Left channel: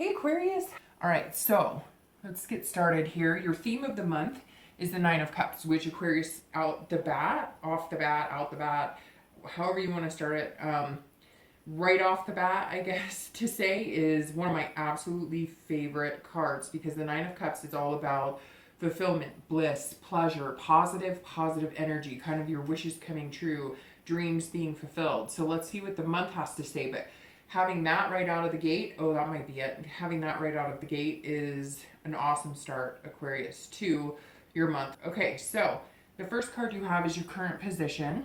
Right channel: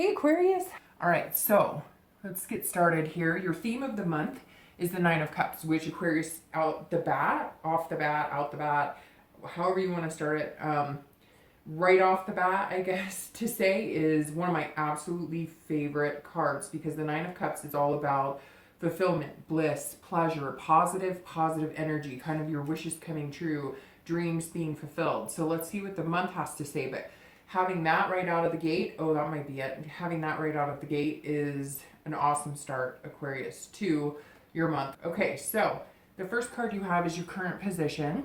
Hey Aquarius! All right, so let's get started here. Your theme of the month is the Nine of Cups, which Aquarius off the bat, however you want to start it, right off the bat, I guess to say, is one of my absolutely favorite cards because the Nine of Cups is all about fulfillment, bliss, pleasure, positive energy, kind of your wishes coming true, dreams being fulfilled. So let's see what the month has to say, but having that right out of the gate, oh, that might be it. Having that right out of the gate is an awesome start, Aquarius, to your month. Okay, so the first card you have is your current position,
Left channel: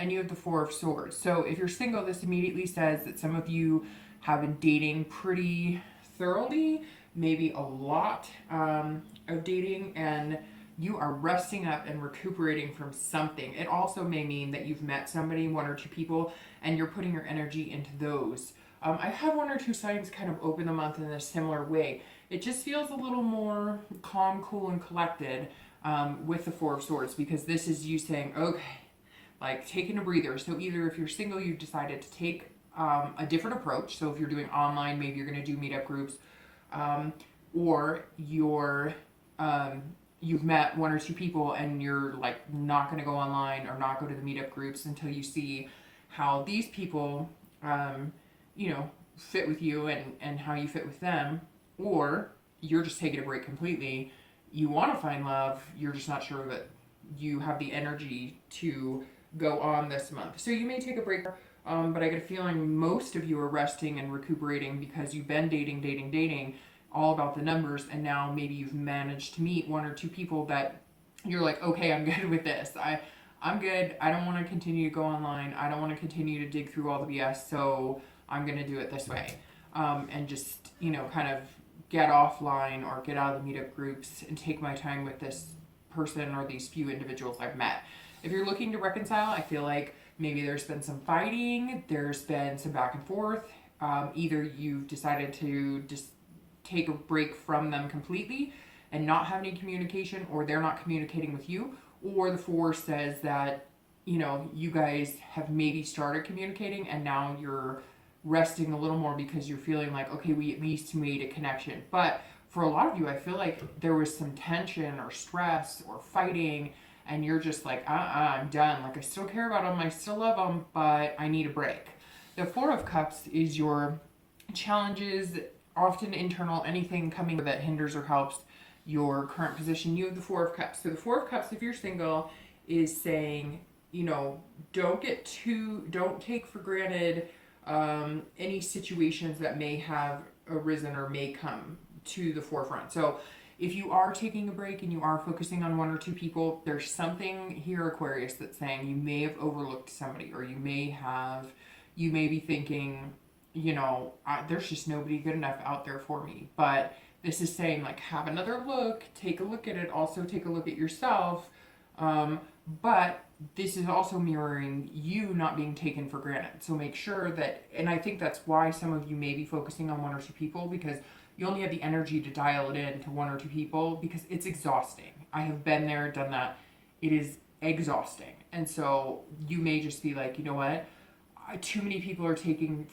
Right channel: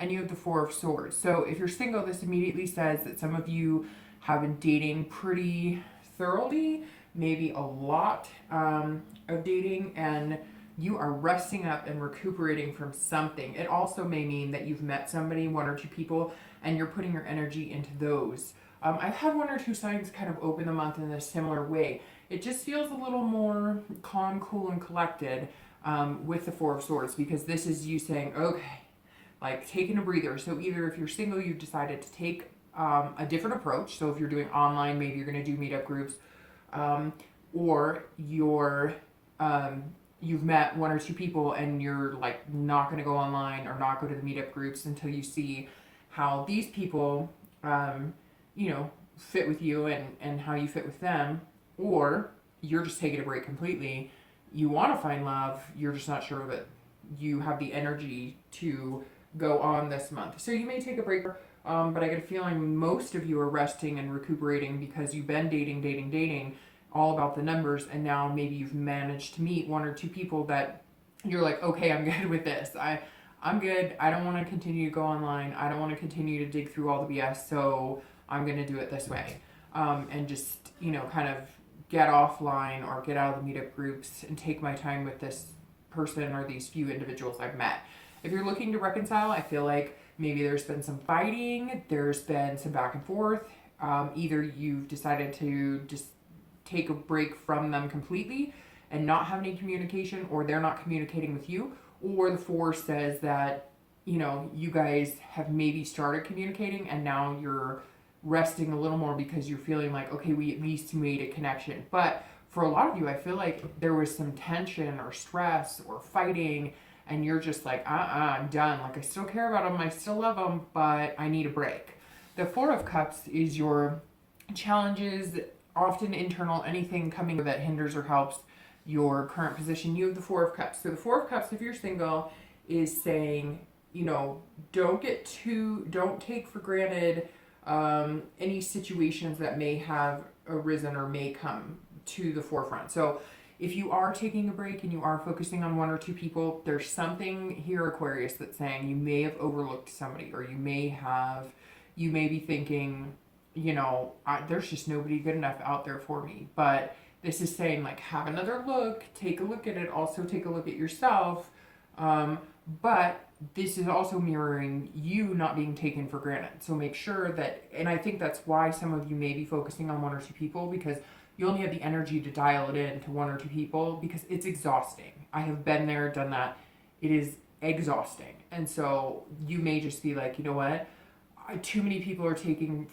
and you have the Four of Swords. So if you're single, this immediately says that some of you have been dating pretty thoroughly, maybe a lot of dating, and you are resting up and recuperating from something. It also may mean that you've met somebody, one or two people, and you're putting your energy into those. I've had one or two signs kind of open the month in a similar way. It just feels a little more calm, cool, and collected with the Four of Swords, because this is you saying, okay, like taking a breather. So either if you're single, you've decided to take a different approach. So if you're doing online, maybe you're going to do meetup groups, or you've met one or two people and you're like not going to go online or not go to the meetup groups until you see how these people, fit with you and how you fit with them, or you're just taking a break completely. You want to find love, you're just not sure that you have the energy to go on this month. So you may take a break, but I get a feeling most of you are resting and recuperating because you've been dating, all about the numbers, and now maybe you've managed to meet one or two people that you're like, okay, I'm good with this. I'm good. I don't want to continue to go online. I don't want to continue to dig through all the BS, so I'm going to do it this way. And just, kind of get offline or get out of the meetup groups and take my time with this person or these few individuals I've met. If you're looking to reconcile, I feel like maybe there's been some fighting, there's been some back and forth. Either you've decided to just take a break from them completely and not have any communication, or they're not communicating with you, or the Four says that, you guys have maybe started communicating and now you're resting a little more because you're feeling like, okay, we at least made a connection. But for a lot of you, I feel like there was some tension or stress or fighting, and you're just like, I'm done. Like, I still care about them, I still love them, but I need a break. The Four of Cups is your challenges, often internal, anything coming that hinders or helps your current position. You have the Four of Cups. So the Four of Cups, if you're single, is saying, don't take for granted any situations that may have arisen or may come to the forefront. So if you are taking a break and you are focusing on one or two people, there's something here, Aquarius, that's saying you may have overlooked somebody, or you may be thinking, there's just nobody good enough out there for me. But this is saying, like, have another look, take a look at it, also take a look at yourself. But this is also mirroring you not being taken for granted. So make sure that, and I think that's why some of you may be focusing on one or two people, because you only have the energy to dial it in to one or two people, because it's exhausting. I have been there, done that. It is exhausting. And so you may just be like, you know what? Too many people are taking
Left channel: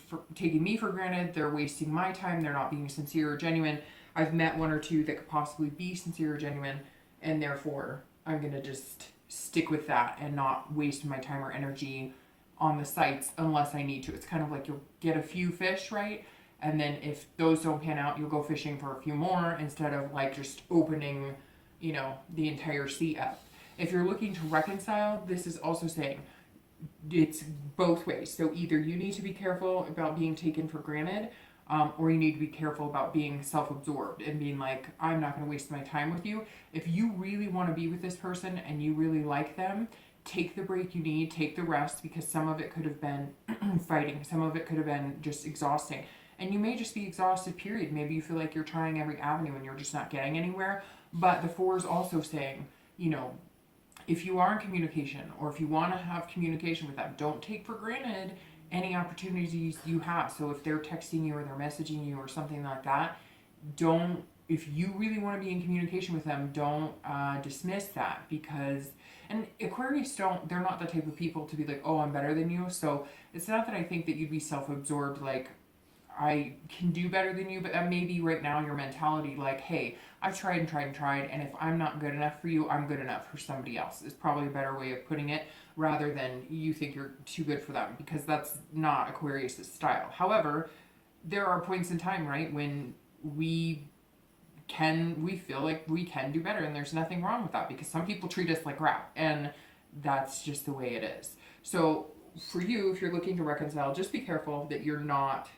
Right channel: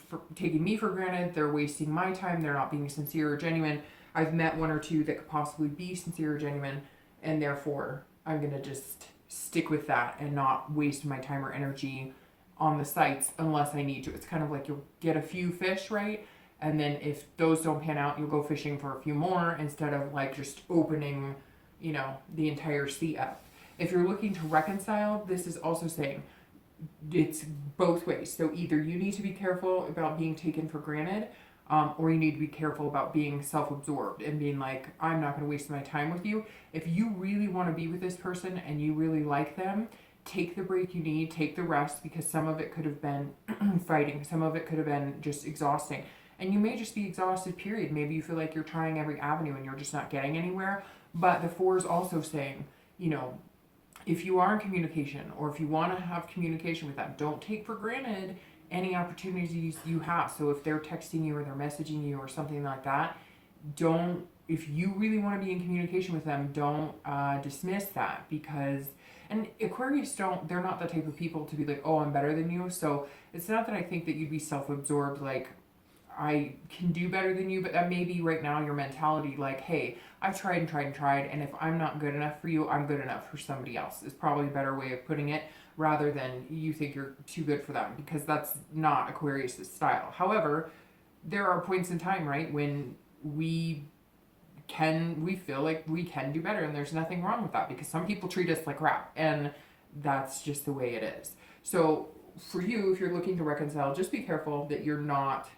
me for granted. They're wasting my time. They're not being sincere or genuine. I've met one or two that could possibly be sincere or genuine, and therefore I'm going to just stick with that and not waste my time or energy on the sites unless I need to. It's kind of like you'll get a few fish, right? And then if those don't pan out, you'll go fishing for a few more instead of like just opening, the entire sea up. If you're looking to reconcile, this is also saying it's both ways. So either you need to be careful about being taken for granted, or you need to be careful about being self-absorbed and being like, I'm not going to waste my time with you. If you really want to be with this person and you really like them, take the break you need, take the rest, because some of it could have been fighting, some of it could have been just exhausting. And you may just be exhausted, period. Maybe you feel like you're trying every avenue and you're just not getting anywhere. But the Four is also saying, if you are in communication, or if you want to have communication with them, don't take for granted any opportunities you have. So if they're texting you or they're messaging you or something like that, if you really want to be in communication with them, don't dismiss that, because, and Aquarius they're not the type of people to be like, oh, I'm better than you. So it's not that I think that you'd be self-absorbed, like, I can do better than you, but that may be right now your mentality, like, hey, I've tried and tried and tried, and if I'm not good enough for you, I'm good enough for somebody else, is probably a better way of putting it, rather than you think you're too good for them, because that's not Aquarius's style. However, there are points in time, right, when we feel like we can do better, and there's nothing wrong with that, because some people treat us like crap, and that's just the way it is. So for you, if you're looking to reconcile, just be careful that you're not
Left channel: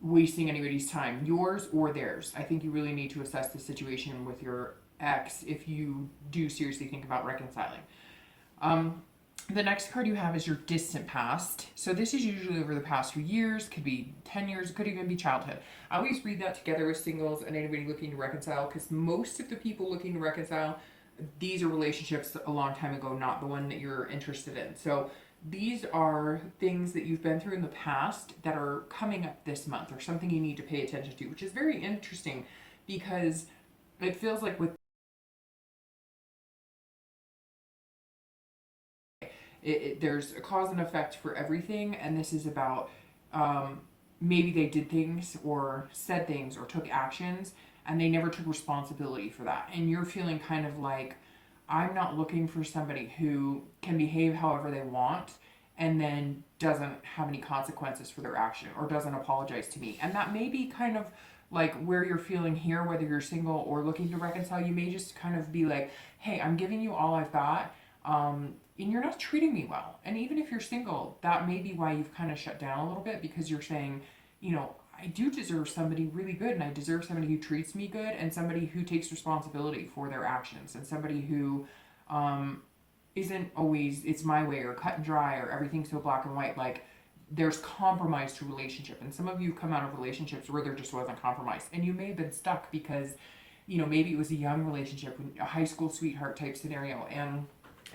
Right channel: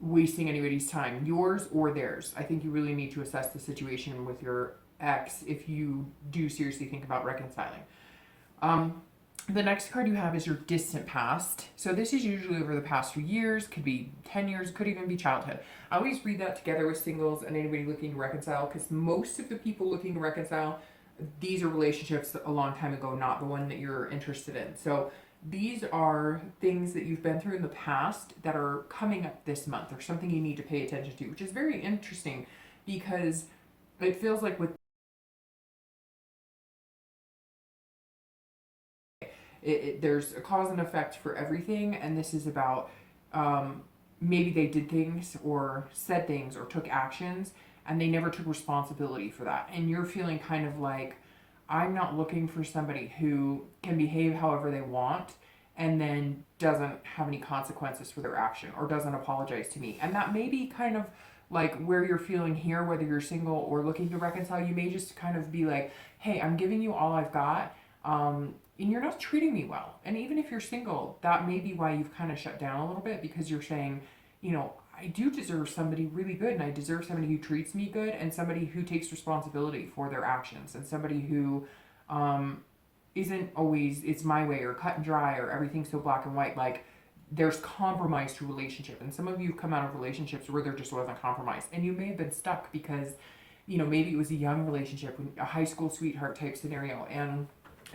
wasting anybody's time, yours or theirs. I think you really need to assess the situation with your ex if you do seriously think about reconciling. The next card you have is your distant past. So this is usually over the past few years, could be 10 years, could even be childhood. I always read that together with singles and anybody looking to reconcile, because most of the people looking to reconcile, these are relationships a long time ago, not the one that you're interested in. So these are things that you've been through in the past that are coming up this month, or something you need to pay attention to, which is very interesting, because it feels like with there's a cause and effect for everything, and this is about maybe they did things or said things or took actions and they never took responsibility for that, and you're feeling kind of like, I'm not looking for somebody who can behave however they want and then doesn't have any consequences for their action or doesn't apologize to me. And that may be kind of like where you're feeling here, whether you're single or looking to reconcile. You may just kind of be like, hey, I'm giving you all I've got, and you're not treating me well. And even if you're single, that may be why you've kind of shut down a little bit, because you're saying, you know, I do deserve somebody really good, and I deserve somebody who treats me good, and somebody who takes responsibility for their actions, and somebody who isn't always, it's my way, or cut and dry, or everything's so black and white. Like, there's compromise to relationship, and some of you have come out of relationships where there just wasn't compromise, and you may have been stuck because, you know, maybe it was a young relationship, a high school sweetheart type scenario, and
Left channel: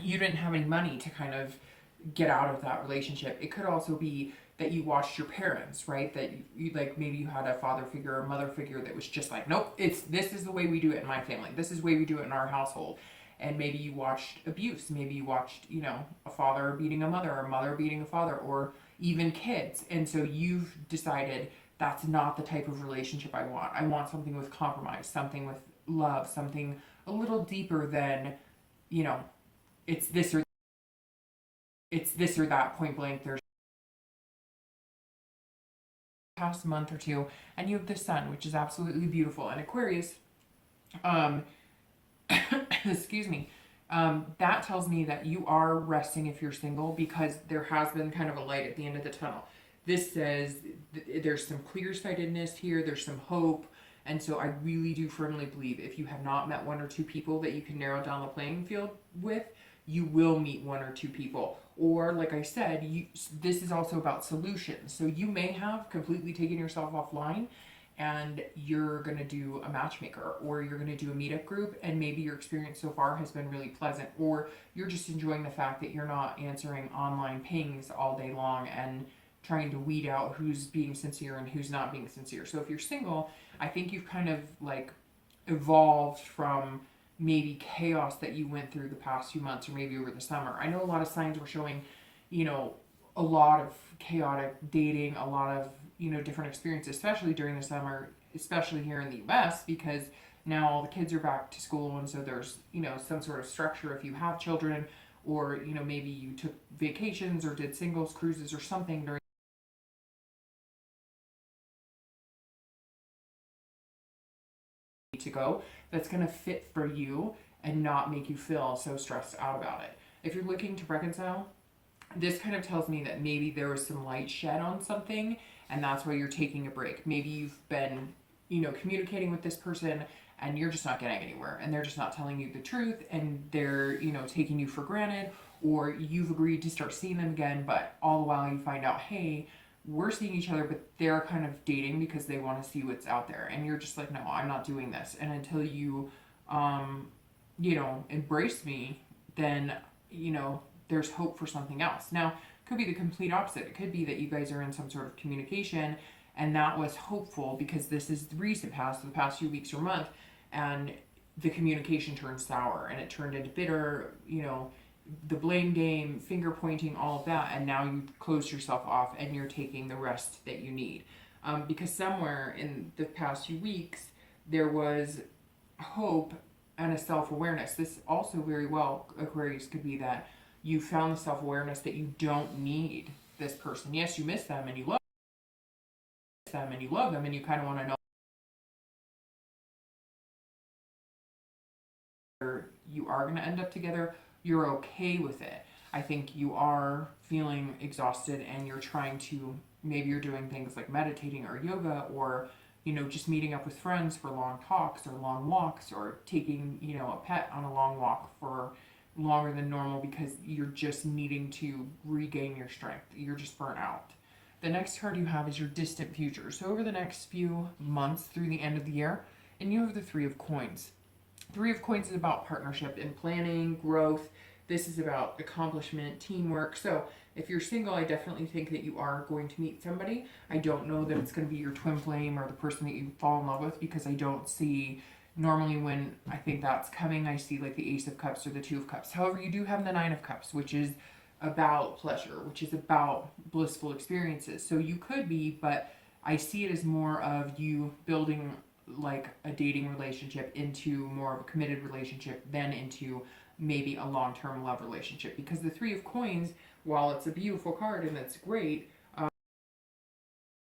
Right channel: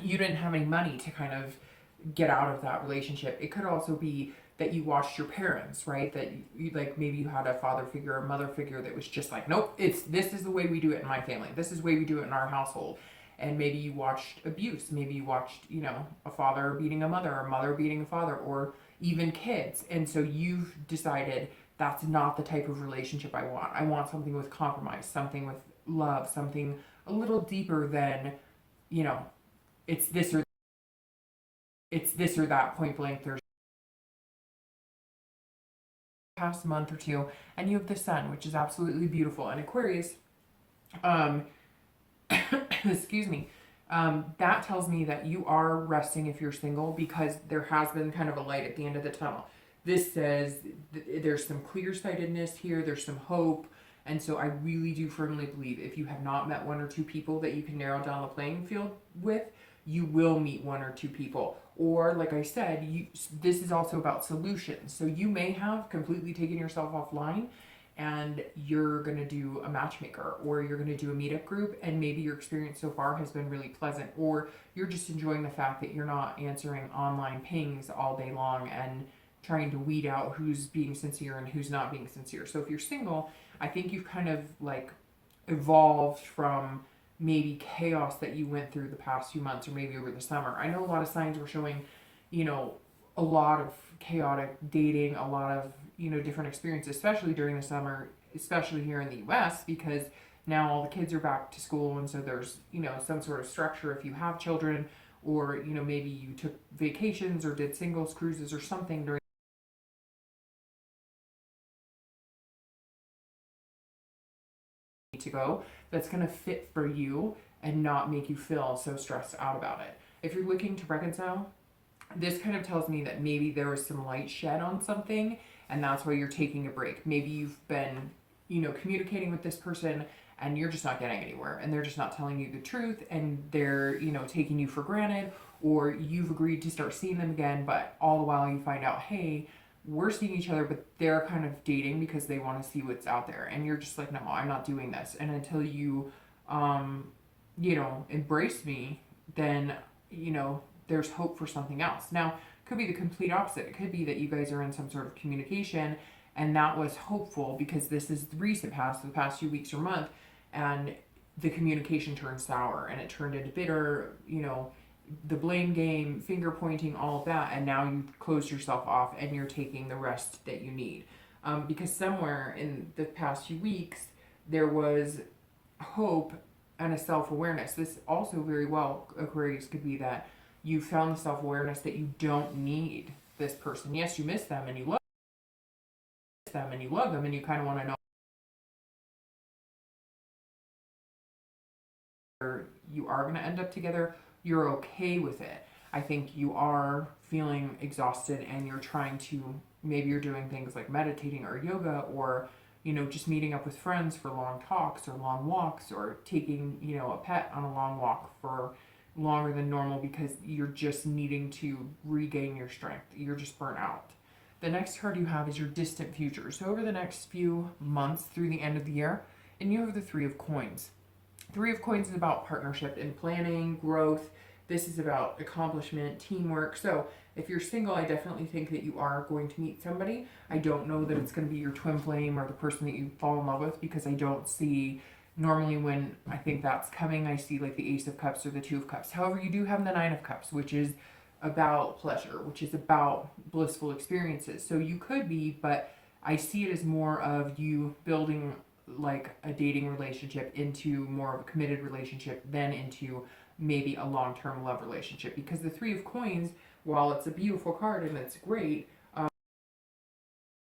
you didn't have any money to kind of get out of that relationship. It could also be that you watched your parents, right? That you like, maybe you had a father figure or mother figure that was just like, nope, this is the way we do it in my family. This is the way we do it in our household. And maybe you watched abuse. Maybe you watched, you know, a father beating a mother, or a mother beating a father, or even kids. And so you've decided that's not the type of relationship I want. I want something with compromise, something with love, something a little deeper than, you know, it's this or that, point blank. There's past month or two, and you have the sun, which is absolutely beautiful. And Aquarius, excuse me, that tells me that you are resting if you're single, because there has been kind of a light at the end of the tunnel. This says there's some clear-sightedness here, there's some hope, and so I really do firmly believe if you have not met one or two people that you can narrow down the playing field with, you will meet one or two people. Or, like I said, this is also about solutions. So you may have completely taken yourself offline, and you're going to do a matchmaker, or you're going to do a meetup group, and maybe your experience so far has been really pleasant, or you're just enjoying the fact that you're not answering online pings all day long and trying to weed out who's being sincere and who's not being sincere. So if you're single, I think you've kind of like evolved from maybe chaos that you went through the past few months, or maybe over the summer. I know a lot of signs were showing, you know, a lot of chaotic dating, a lot of, you know, different experiences, especially during the summer, especially here in the US, because now all the kids are back to school, and so there's, you know, some sort of structure if you have children, or, you know, maybe you took vacations or did singles cruises or something during to go that's going to fit for you and not make you feel so stressed out about it. If you're looking to reconcile, this kind of tells me that maybe there was some light shed on something, and that's why you're taking a break. Maybe you've been, you know, communicating with this person and you're just not getting anywhere, and they're just not telling you the truth, and they're, you know, taking you for granted, or you've agreed to start seeing them again, but all the while you find out, hey, we're seeing each other, but they're kind of dating because they want to see what's out there, and you're just like, no, I'm not doing this. And until you you know, embrace me, then, you know, there's hope for something else. Now, it could be the complete opposite. It could be that you guys are in some sort of communication, and that was hopeful because this is the recent past, the past few weeks or month, and the communication turned sour and it turned into bitter, you know, the blame game, finger pointing, all of that, and now you close yourself off and you're taking the rest that you need. Because somewhere in the past few weeks, there was hope and a self-awareness. This also very well, Aquarius, could be that you found the self-awareness that you don't need this person. Yes, you miss them and you love them and you love them and you kind of want to know you are going to end up together. You're okay with it. I think you are feeling exhausted and you're trying to, maybe you're doing things like meditating or yoga, or you know, just meeting up with friends for long talks or long walks, or taking, you know, a pet on a long walk for longer than normal because you're just needing to regain your strength. You're just burnt out. The next card you have is your distant future. So over the next few months through the end of the year, and you have the Three of Coins. Three of Coins is about partnership and planning, growth. This is about accomplishment, teamwork. So if you're single, I definitely think that you are going to meet somebody. I don't know that it's going to be your twin flame or the person that you fall in love with, because I don't see, normally when I think that's coming, I see like the Ace of Cups or the Two of Cups. However, you do have the Nine of Cups, which is about pleasure, which is about blissful experiences. So you could be, but I see it as more of you building like a dating relationship into more of a committed relationship than into maybe a long-term love relationship. Because the Three of Coins, while it's a beautiful card and it's great,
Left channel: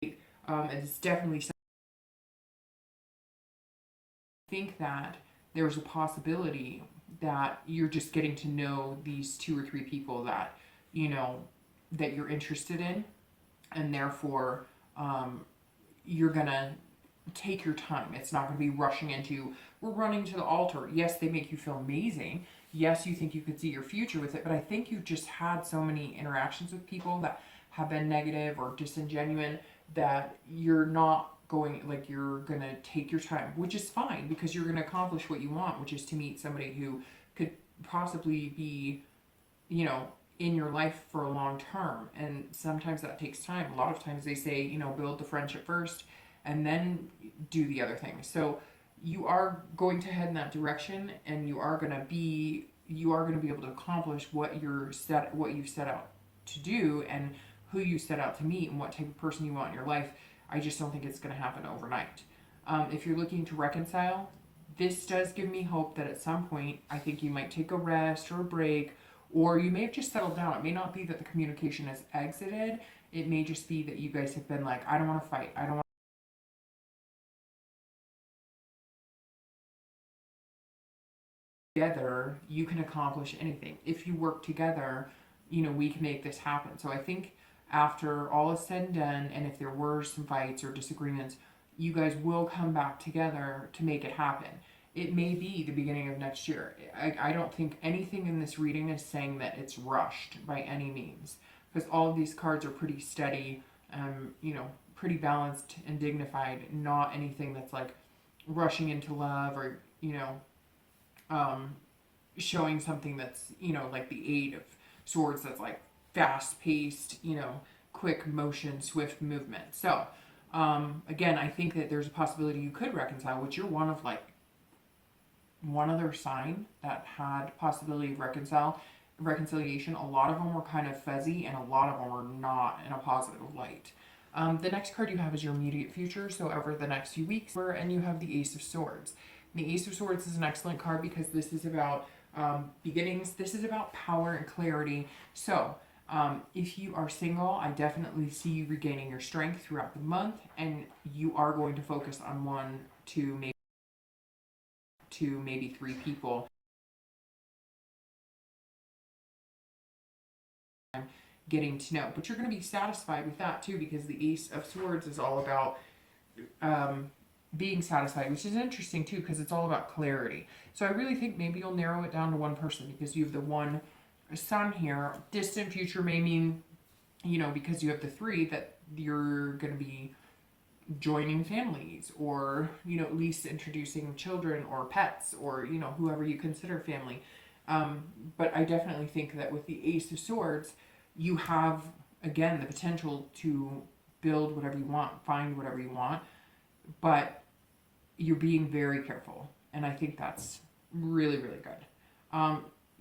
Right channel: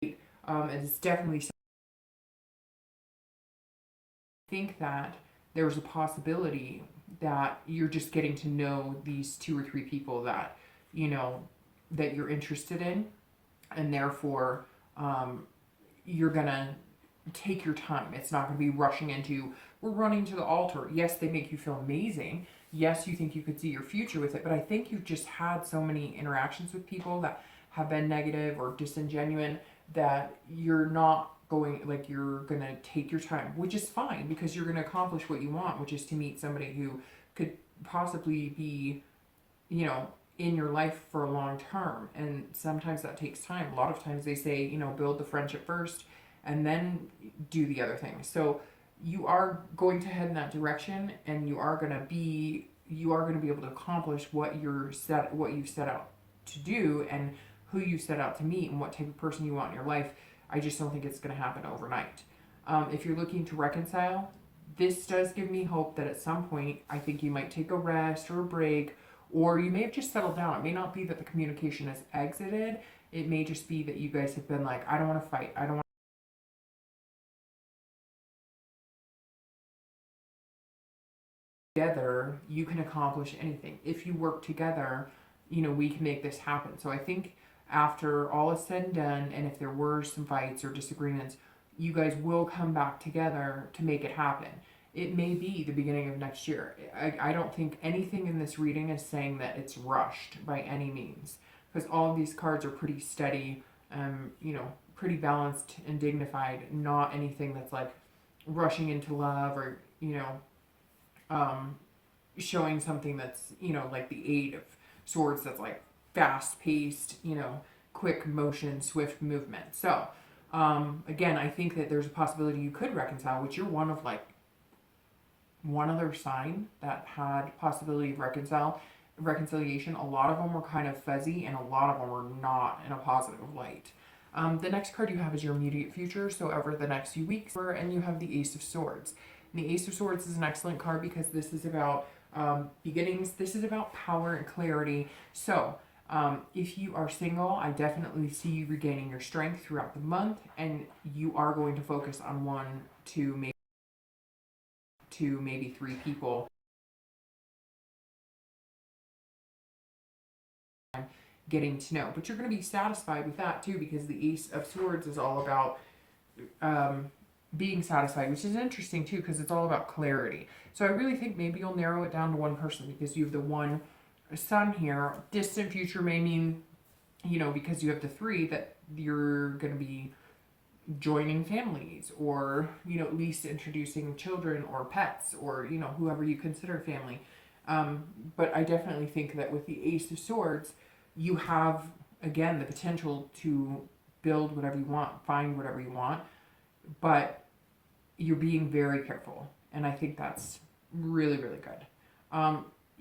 it's definitely something. I think that there's a possibility that you're just getting to know these two or three people that, you know, that you're interested in, and therefore you're gonna take your time. It's not going to be rushing into, we're running to the altar. Yes, they make you feel amazing. Yes, you think you could see your future with it, but I think you've just had so many interactions with people that have been negative or disingenuine that you're not going, like, you're going to take your time, which is fine because you're going to accomplish what you want, which is to meet somebody who could possibly be, you know, in your life for a long term. And sometimes that takes time. A lot of times they say, you know, build the friendship first and then do the other things. So you are going to head in that direction, and you are going to be able to accomplish what you set out to do and who you set out to meet and what type of person you want in your life. I just don't think it's going to happen overnight. If you're looking to reconcile, this does give me hope that at some point, I think you might take a rest or a break, or you may have just settled down. It may not be that the communication has exited. It may just be that you guys have been like, I don't want to fight. I don't want together, you can accomplish anything. If you work together, you know, we can make this happen. So I think after all is said and done, and if there were some fights or disagreements, you guys will come back together to make it happen. It may be the beginning of next year. I don't think anything in this reading is saying that it's rushed by any means, because all of these cards are pretty steady, you know, pretty balanced and dignified, not anything that's like rushing into love or, you know, showing something that's, you know, like the Eight of Swords, that's like fast paced, you know, quick motion, swift movement. So again, I think that there's a possibility you could reconcile, which you're one of like one other sign that had possibility of reconciliation. A lot of them were kind of fuzzy and a lot of them were not in a positive light. The next card you have is your immediate future, so over the next few weeks, and you have the Ace of Swords. And the Ace of Swords is an excellent card because this is about beginnings. This is about power and clarity. So if you are single, I definitely see you regaining your strength throughout the month, and you are going to focus on one, two, maybe three people getting to know. But you're going to be satisfied with that too, because the Ace of Swords is all about being satisfied, which is interesting too, because it's all about clarity. So I really think maybe you'll narrow it down to one person, because you have the one Sun here. Distant future may mean, you know, because you have the three, that you're going to be joining families, or, you know, at least introducing children or pets, or, you know, whoever you consider family. But I definitely think that with the Ace of Swords, you have, again, the potential to build whatever you want, find whatever you want, but you're being very careful. And I think that's really, really good.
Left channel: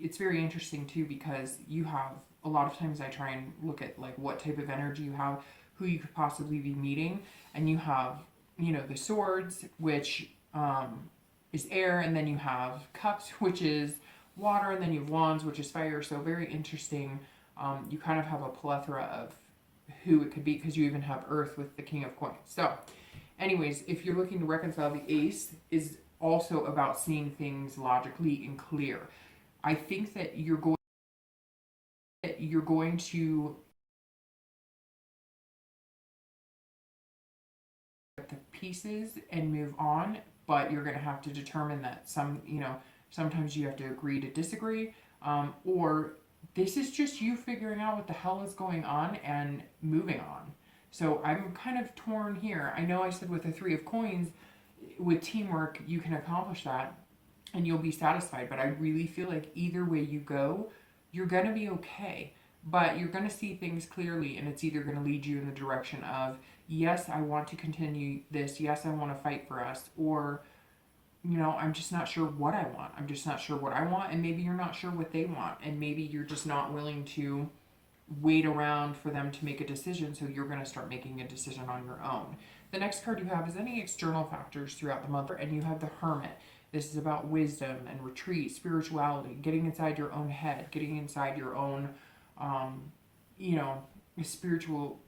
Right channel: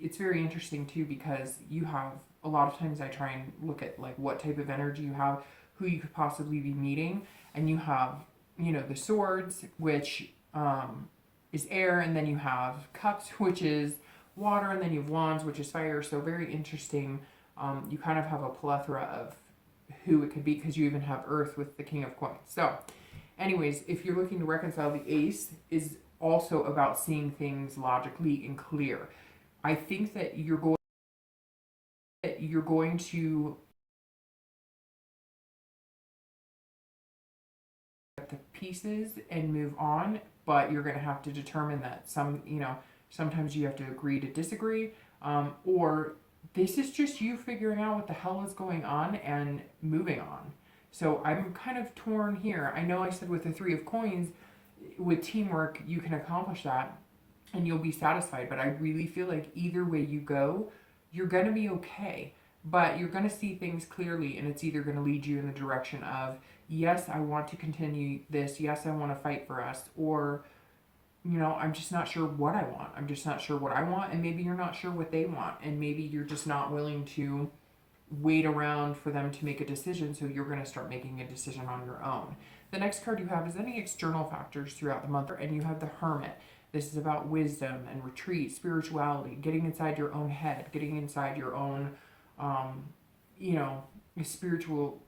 it's very interesting too, because you have, a lot of times I try and look at like what type of energy you have, who you could possibly be meeting, and you have, you know, the swords, which is air, and then you have cups, which is water, and then you have wands, which is fire. So very interesting. You kind of have a plethora of who it could be, because you even have earth with the king of coins. So anyways, if you're looking to reconcile, the ace is also about seeing things logically and clear. I think that you're going to get the pieces and move on, but you're going to have to determine that sometimes you have to agree to disagree, or this is just you figuring out what the hell is going on and moving on. So I'm kind of torn here. I know I said with the three of coins, with teamwork, you can accomplish that and you'll be satisfied. But I really feel like either way you go, you're going to be okay. But you're going to see things clearly, and it's either going to lead you in the direction of, yes, I want to continue this. Yes, I want to fight for us. Or, you know, I'm just not sure what I want. I'm just not sure what I want. And maybe you're not sure what they want. And maybe you're just not willing to wait around for them to make a decision. So you're going to start making a decision on your own. The next card you have is any external factors throughout the month. And you have the Hermit. This is about wisdom and retreat, spirituality, getting inside your own head, getting inside your own, spiritual,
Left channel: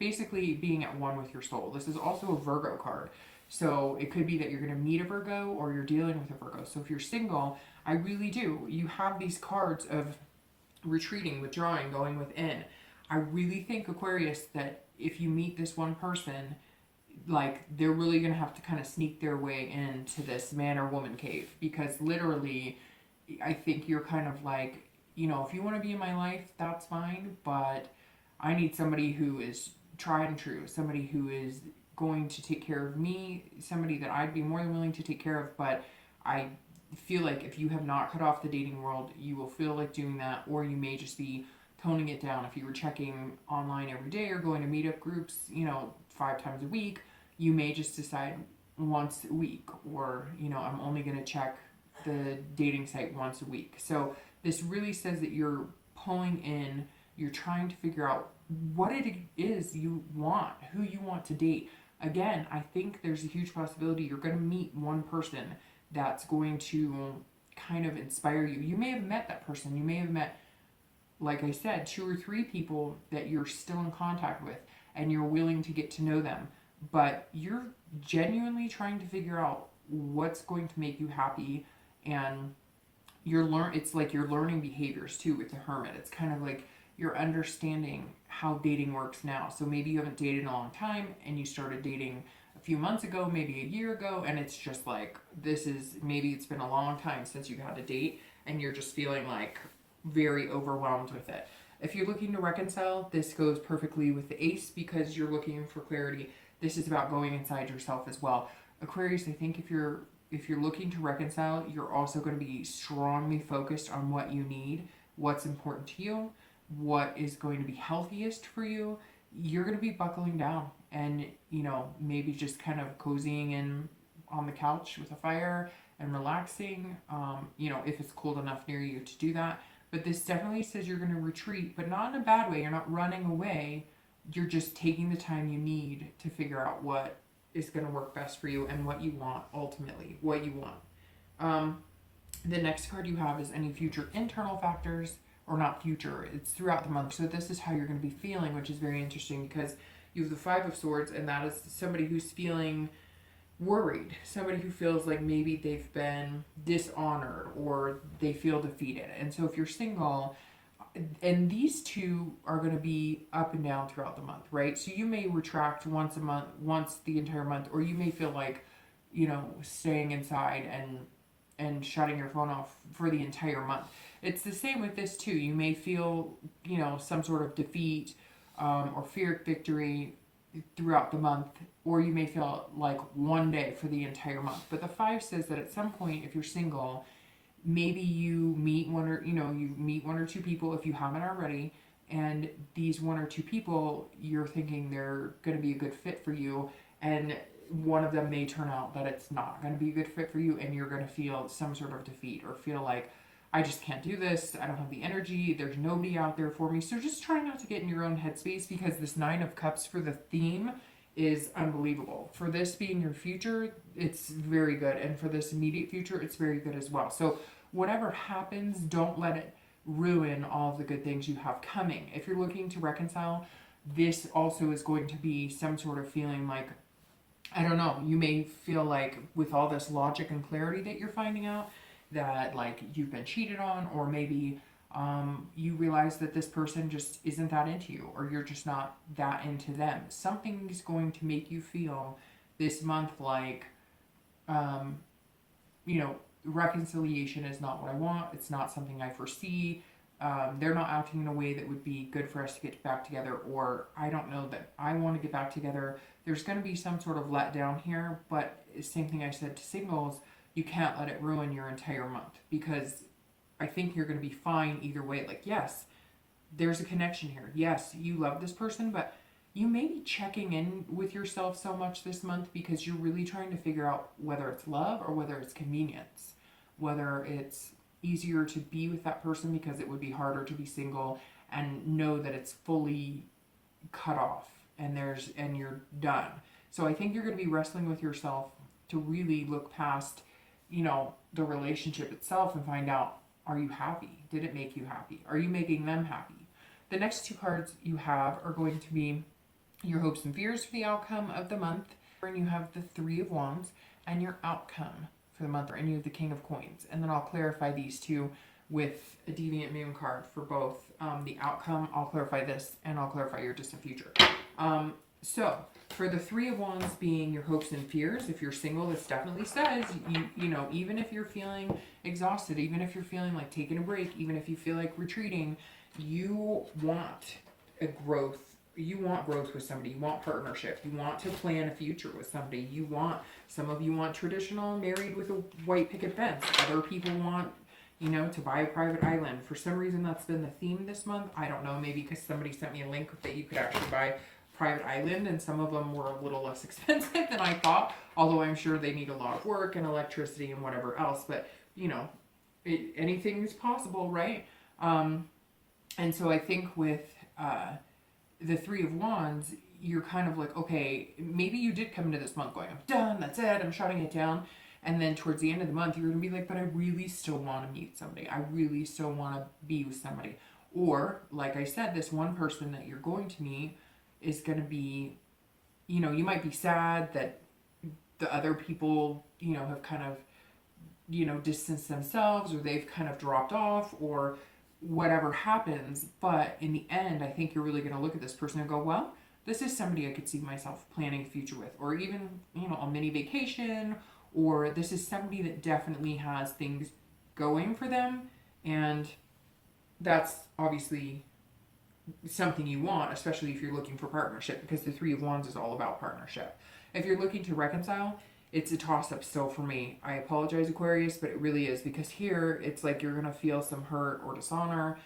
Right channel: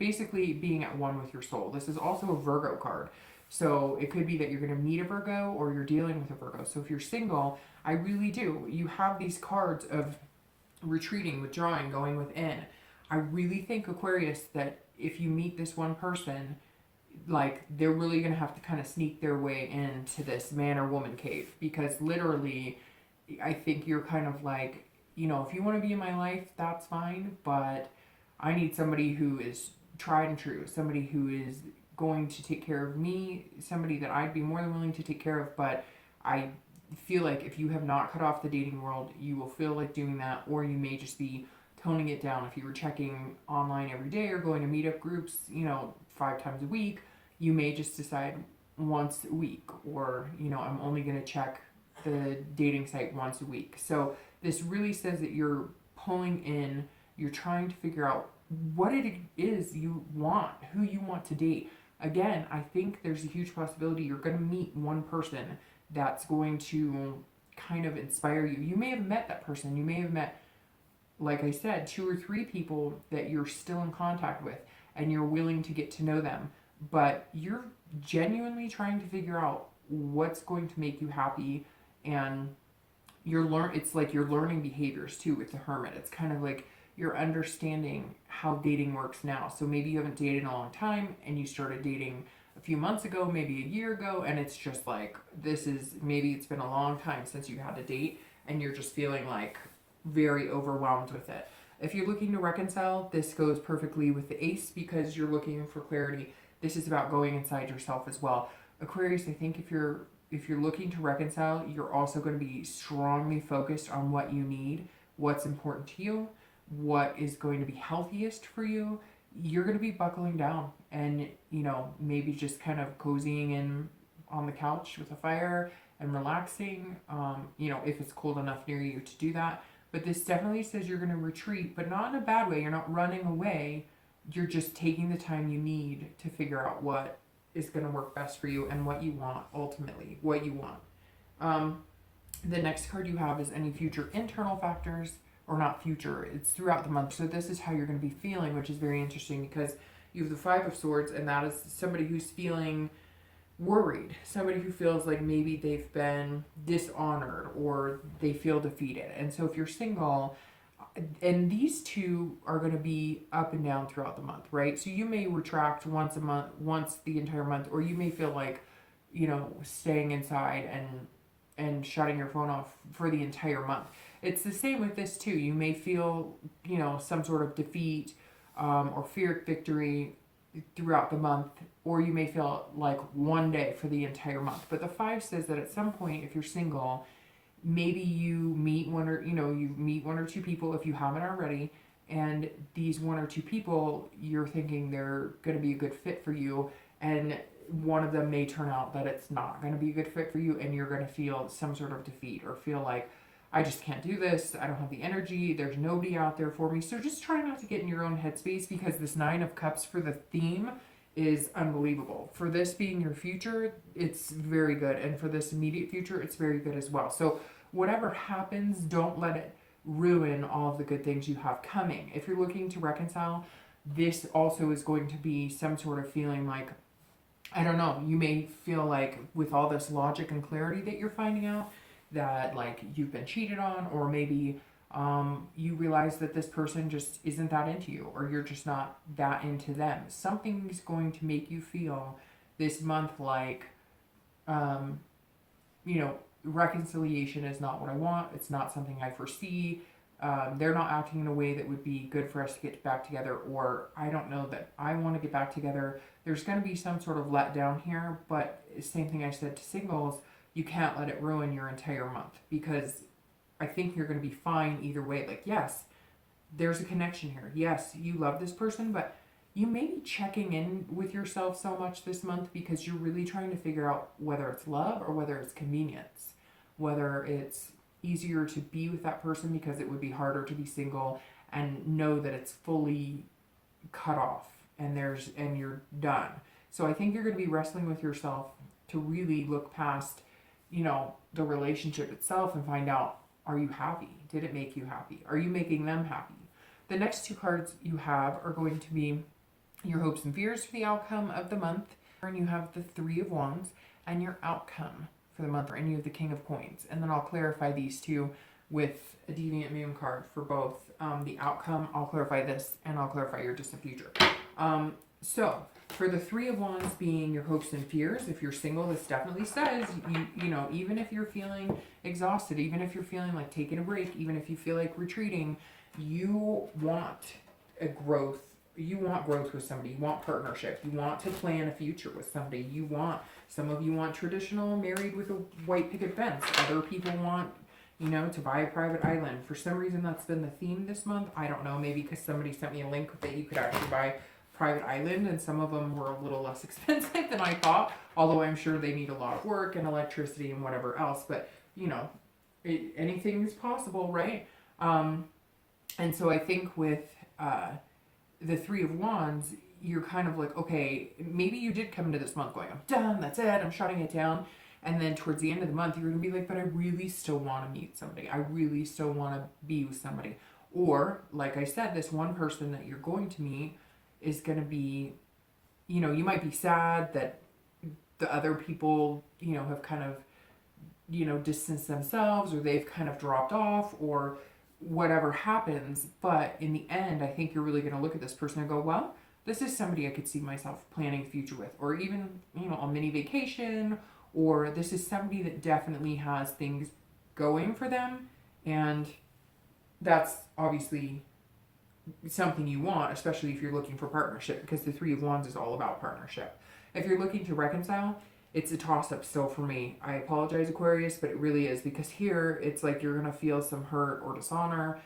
basically being at one with your soul. This is also a Virgo card. So it could be that you're going to meet a Virgo, or you're dealing with a Virgo. So if you're single, I really do. You have these cards of retreating, withdrawing, going within. I really think, Aquarius, that if you meet this one person, like, they're really going to have to kind of sneak their way into this man or woman cave, because literally I think you're kind of like, if you want to be in my life, that's fine, but I need somebody who is tried and true, somebody who is going to take care of me, somebody that I'd be more than willing to take care of. But I feel like if you have not cut off the dating world, you will feel like doing that, or you may just be toning it down. If you were checking online every day or going to meetup groups, 5 times a week, you may just decide once a week, or, I'm only going to check the dating site once a week. So this really says that you're pulling in, you're trying to figure out what it is you want, who you want to date. Again, I think there's a huge possibility you're going to meet one person that's going to kind of inspire you. You may have met that person. You may have met, like I said, 2 or 3 people that you're still in contact with, and you're willing to get to know them. But you're genuinely trying to figure out what's going to make you happy, and it's like you're learning behaviors too with the Hermit. It's kind of like you're understanding how dating works now. So maybe you haven't dated in a long time, and you started dating a few months ago, maybe a year ago, and it's just like, maybe it's been a long time since you had a date, and you're just feeling like very overwhelmed with it. If you're looking to reconcile, this goes perfectly with the Ace, because you're looking for clarity. This is about going inside yourself as well. Aquarius, I think if you're looking to reconcile, you're also going to be strongly focused on what you need, what's important to you, what is going to be healthiest for you. You're going to be buckling down and, maybe just kind of cozying in on the couch with a fire and relaxing, if it's cold enough near you to do that. But this definitely says you're going to retreat, but not in a bad way. You're not running away. You're just taking the time you need to figure out what is going to work best for you and what you want, ultimately, what you want. The next card you have is any future internal factors, or not future, it's throughout the month. So this is how you're going to be feeling, which is very interesting, because you have the 5 of Swords, and that is somebody who's feeling worried, somebody who feels like maybe they've been dishonored or they feel defeated. And so if you're single, and these two are going to be up and down throughout the month, right? So you may retract once a month, once the entire month, or you may feel like, staying inside and shutting your phone off for the entire month. It's the same with this too. You may feel, some sort of defeat or feared victory throughout the month, or you may feel like one day for the entire month. But the 5 says that at some point, if you're single, maybe you meet one or 2 people, if you haven't already, and these 1 or 2 people, you're thinking they're going to be a good fit for you, and one of them may turn out that it's not going to be a good fit for you, and you're going to feel some sort of defeat or feel like, I just can't do this. I don't have the energy. There's nobody out there for me. So just try not to get in your own headspace, because this Nine of Cups for the theme is unbelievable. For this being your future, it's very good. And for this immediate future, it's very good as well. So whatever happens, don't let it ruin all of the good things you have coming. If you're looking to reconcile, this also is going to be some sort of feeling like, I don't know, you may feel like with all this logic and clarity that you're finding out, that like you've been cheated on, or maybe you realize that this person just isn't that into you, or you're just not that into them. Something's going to make you feel this month like, you know, reconciliation is not what I want. It's not something I foresee. They're not acting in a way that would be good for us to get back together, or I don't know that I want to get back together. There's going to be some sort of letdown here, but same thing I said to singles, you can't let it ruin your entire month, because I think you're going to be fine either way. Like, yes, there's a connection here. Yes, you love this person, but you may be checking in with yourself so much this month because you're really trying to figure out whether it's love or whether it's convenience, whether it's easier to be with that person because it would be harder to be single and know that it's fully cut off and you're done. So I think you're going to be wrestling with yourself to really look past, you know, the relationship itself and find out, are you happy? Did it make you happy? Are you making them happy? The next two cards you have are going to be your hopes and fears for the outcome of the month. And you have the Three of Wands and your outcome for the month, and you have the King of Coins. And then I'll clarify these two with a Deviant Moon card for both the outcome. I'll clarify this, and I'll clarify your distant future. So for the Three of Wands being your hopes and fears, if you're single, this definitely says, you know, even if you're feeling exhausted, even if you're feeling like taking a break, even if you feel like retreating, you want a growth. You want growth with somebody. You want partnership. You want to plan a future with somebody. Some of you want traditional married with a white picket fence. Other people want, you know, to buy a private island. For some reason, that's been the theme this month. I don't know, maybe because somebody sent me a link that you could actually buy private island, and some of them were a little less expensive than I thought, although I'm sure they need a lot of work and electricity and whatever else, but you know, anything is possible, right? And so I think with the Three of Wands, you're kind of like, okay, maybe you did come into this month going, I'm done, that's it, I'm shutting it down, and then towards the end of the month you're gonna be like, but I really still want to meet somebody, I really still want to be with somebody. Or like I said, this one person that you're going to meet is going to be, you know, you might be sad that the other people, you know, have kind of, you know, distanced themselves, or they've kind of dropped off, or whatever happens. But in the end, I think you're really going to look at this person and go, well, this is somebody I could see myself planning a future with, or even, you know, a mini vacation, or this is somebody that definitely has things going for them. And that's obviously something you want, especially if you're looking for partnership, because the Three of Wands is all about partnership. If you're looking to reconcile, it's a toss-up still for me. I apologize, Aquarius, but it really is, because here it's like you're going to feel some hurt or dishonor.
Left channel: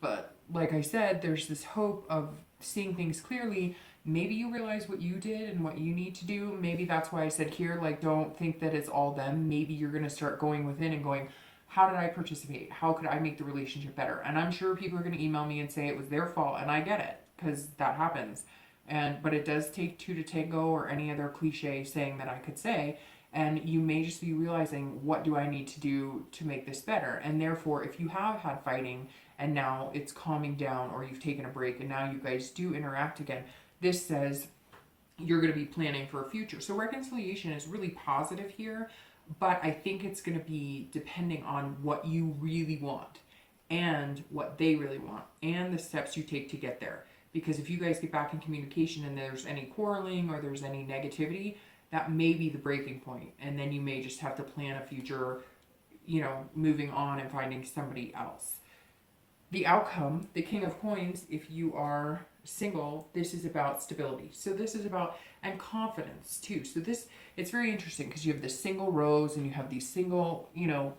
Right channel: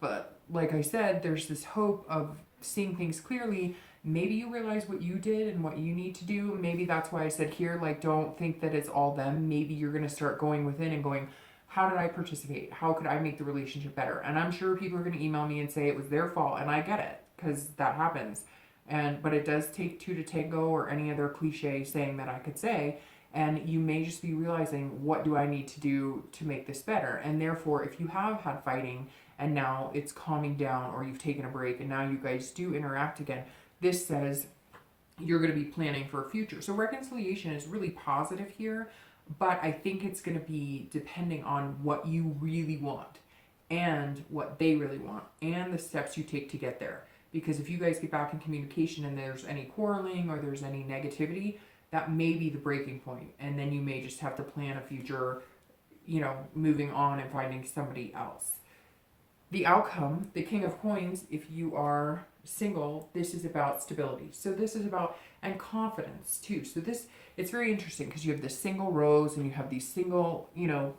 But like I said, there's this hope of seeing things clearly. Maybe you realize what you did and what you need to do. Maybe that's why I said here, like, don't think that it's all them. Maybe you're going to start going within and going, how did I participate? How could I make the relationship better? And I'm sure people are going to email me and say it was their fault, and I get it, because that happens. But it does take two to tango, or any other cliche saying that I could say. And you may just be realizing, what do I need to do to make this better? And therefore, if you have had fighting and now it's calming down, or you've taken a break and now you guys do interact again, this says you're going to be planning for a future. So reconciliation is really positive here. But I think it's going to be depending on what you really want and what they really want and the steps you take to get there. Because if you guys get back in communication and there's any quarreling or there's any negativity, that may be the breaking point. And then you may just have to plan a future, you know, moving on and finding somebody else. The outcome, the King of Coins, if you are single, this is about stability. So this is about, and confidence too. So this, it's very interesting because you have this single rose and you have these single, you know,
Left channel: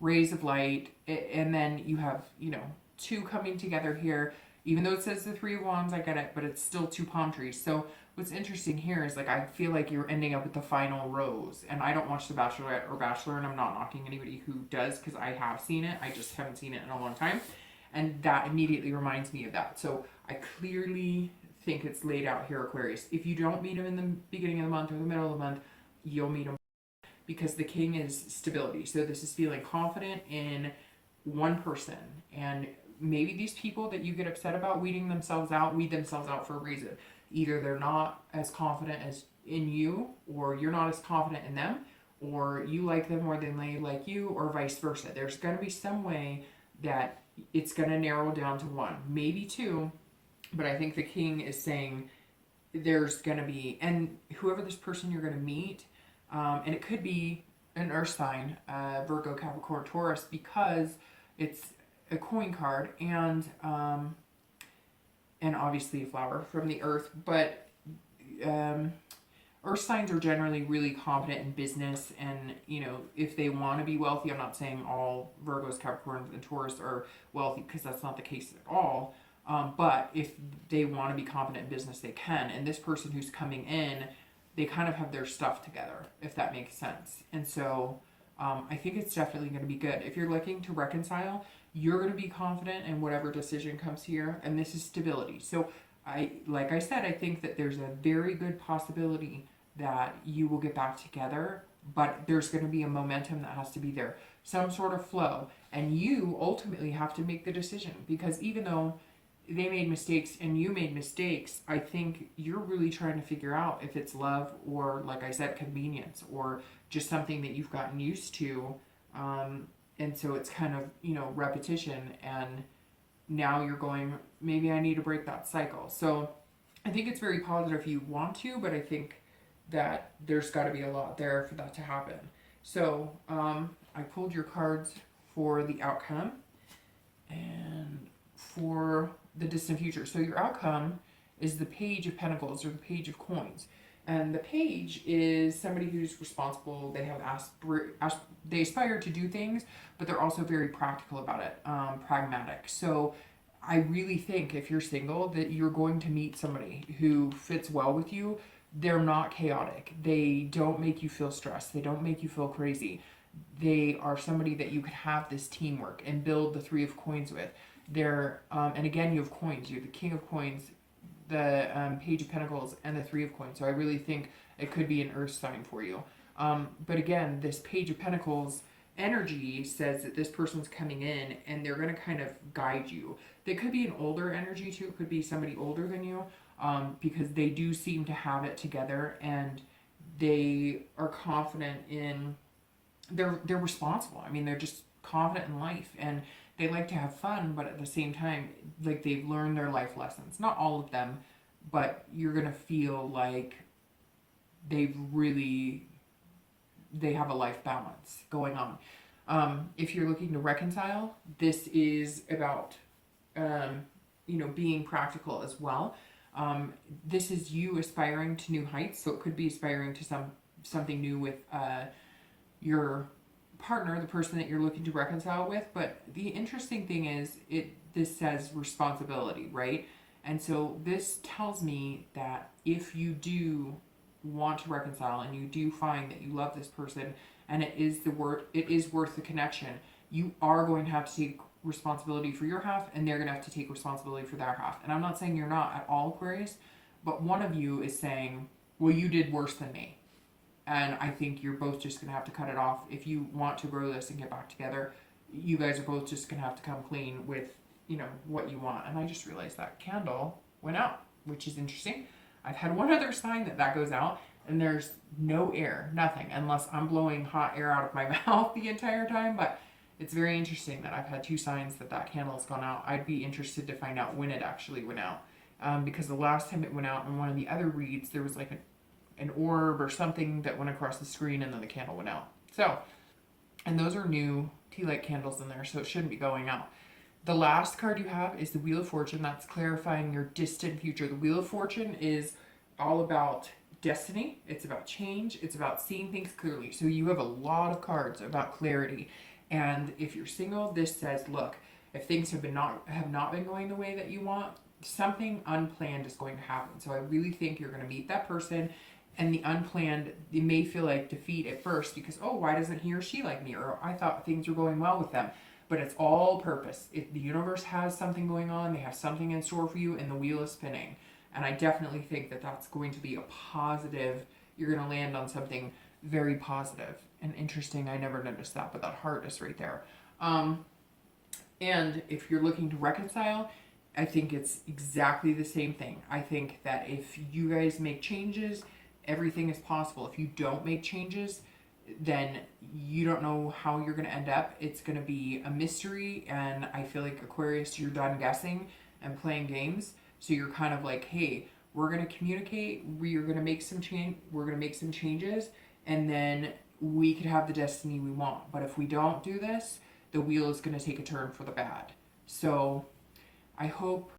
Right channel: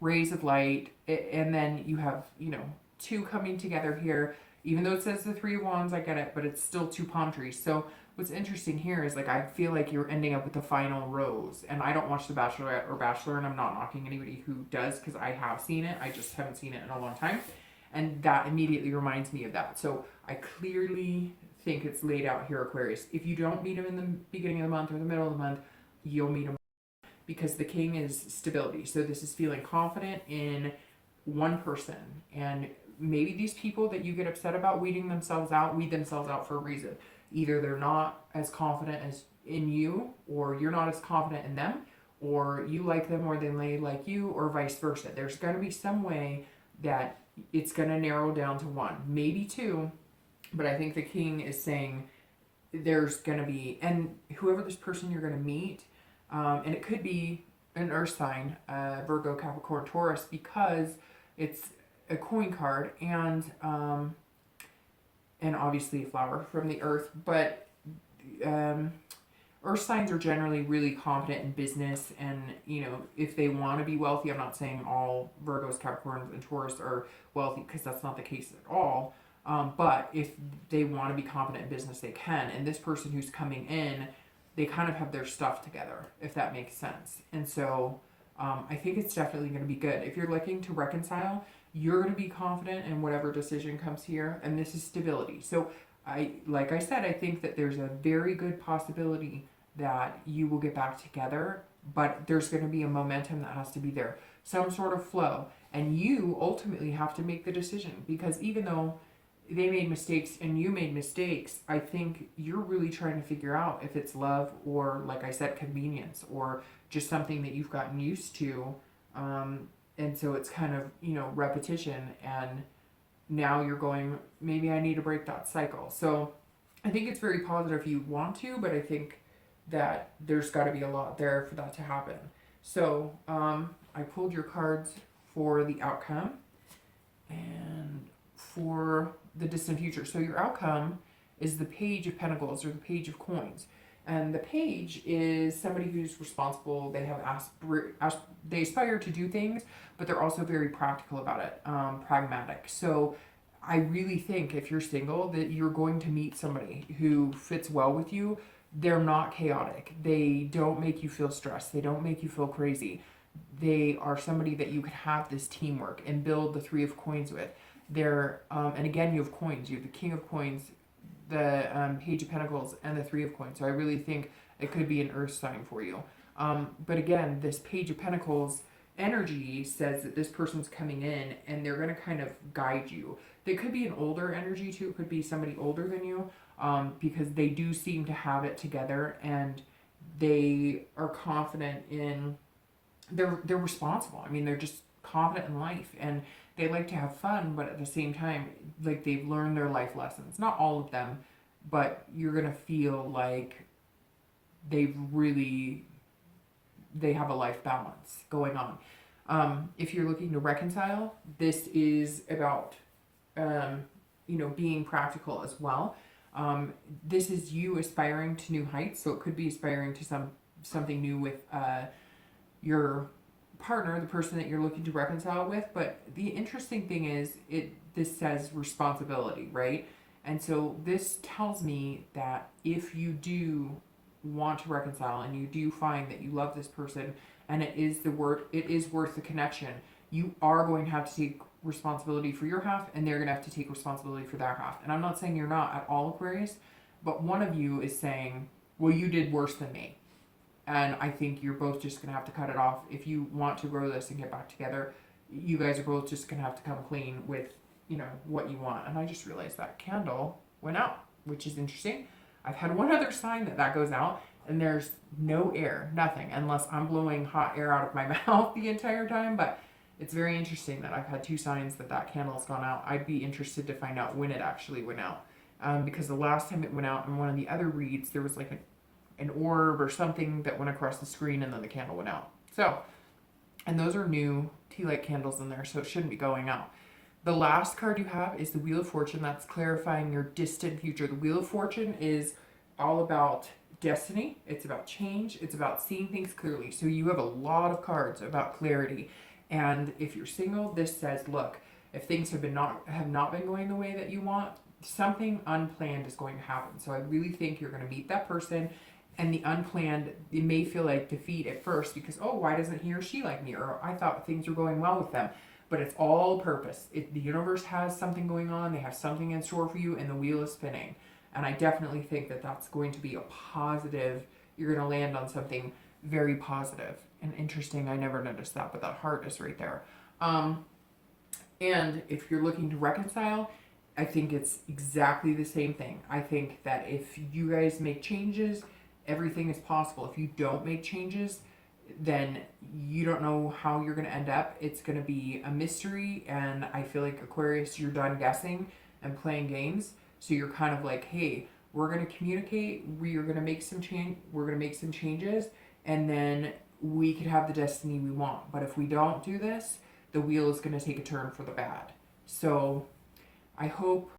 rays of light, and then you have, you know, two coming together here. Even though it says the Three of Wands, I get it, but it's still two palm trees. So what's interesting here is like I feel like you're ending up with the final rose. And I don't watch The Bachelorette or Bachelor, and I'm not knocking anybody who does because I have seen it. I just haven't seen it in a long time. And that immediately reminds me of that. So I clearly think it's laid out here, Aquarius. If you don't meet him in the beginning of the month or the middle of the month, you'll meet him, because the king is stability. So this is feeling confident in one person. And maybe these people that you get upset about weed themselves out for a reason. Either they're not as confident as in you, or you're not as confident in them, or you like them more than they like you, or vice versa. There's going to be some way that it's going to narrow down to one, maybe two. But I think the king is saying there's going to be, and whoever this person you're going to meet, and it could be an earth sign, Virgo, Capricorn, Taurus, because it's a coin card and obviously a flower from the earth. But earth signs are generally really confident in business, and you know, if they want to be wealthy, I'm not saying all Virgos, Capricorns, and Taurus are wealthy, because that's not the case at all. But if they want to be confident in business, they can. And this person who's coming in, they kind of have their stuff together, if that makes sense. And so I think it's definitely going to be good. If you're looking to reconcile, you're going to be confident in whatever decision comes here. And this is stability. So like I said, I think that there's a very good possibility that you will get back together. But there's going to be a momentum that has to be there. Some sort of flow. And you ultimately have to make the decision. Because even though they made mistakes and you made mistakes, I think you're really trying to figure out if it's love or, like I said, convenience, or just something that you've gotten used to. And so it's kind of, you know, repetition, and now you're going, maybe I need to break that cycle. So I think it's very positive if you want to, but I think that there's got to be a lot there for that to happen. So I pulled your cards for the outcome and for the distant future. So your outcome is the Page of Pentacles, or the Page of Coins. And the page is somebody who's responsible. They have they aspire to do things, but they're also very practical about it, pragmatic. So I really think if you're single, that you're going to meet somebody who fits well with you. They're not chaotic. They don't make you feel stressed. They don't make you feel crazy. They are somebody that you could have this teamwork and build the Three of Coins with. They're, and again, you have coins. You have the King of Coins, the Page of Pentacles, and the Three of Coins. So I really think it could be an earth sign for you. But again, this Page of Pentacles energy says that this person's coming in and they're going to kind of guide you. They could be an older energy too. It could be somebody older than you, because they do seem to have it together, and they are confident in, they're responsible. I mean, they're just confident in life, and they like to have fun, but at the same time, like, they've learned their life lessons. Not all of them, but you're going to feel like they have a life balance going on. If you're looking to reconcile, this is about, you know, being practical as well. This is you aspiring to new heights. So it could be aspiring to something new with your partner, the person that you're looking to reconcile with. But the interesting thing is, this says responsibility, right? And so this tells me that if you do want to reconcile and you do find that you love this person and it is worth the connection, you are going to have to take responsibility for your half, and they're going to have to take responsibility for their half. And I'm not saying you're not at all, Aquarius, but one of you is saying, well, you did worse than me. And I think you're both just going to have to cut it off. If you want to grow this and get back together, you guys are both just going to have to come clean with, you know, what you want. And I just realized that candle went out, which is interesting. I've had one other sign that goes out, and there's no air, nothing, unless I'm blowing hot air out of my mouth the entire time. But it's very interesting that I've had two signs that candle's gone out. I'd be interested to find out when it actually went out. Because the last time it went out in one of the other reads, there was like an orb or something that went across the screen, and then the candle went out. So, and those are new tea light candles in there, so it shouldn't be going out. The last card you have is the Wheel of Fortune. That's clarifying your distant future. The Wheel of Fortune is all about destiny. It's about change. It's about seeing things clearly. So you have a lot of cards about clarity. And if you're single, this says, look, if things have not been going the way that you want, something unplanned is going to happen. So I really think you're going to meet that person, and the unplanned, it may feel like defeat at first because, oh, why doesn't he or she like me? Or I thought things were going well with them. But it's all purpose. The universe has something going on. They have something in store for you, and the wheel is spinning. And I definitely think that that's going to be a positive. You're going to land on something very positive and interesting. I never noticed that, but that heart is right there. And if you're looking to reconcile, I think it's exactly the same thing. I think that if you guys make changes, everything is possible. If you don't make changes, then you don't know how you're going to end up. It's going to be a mystery, and I feel like Aquarius, you're done guessing and playing games. So you're kind of like, hey, we're going to communicate. We're going to make some changes, and then we could have the destiny we want. But if we don't do this, the wheel is going to take a turn for the bad. So I hope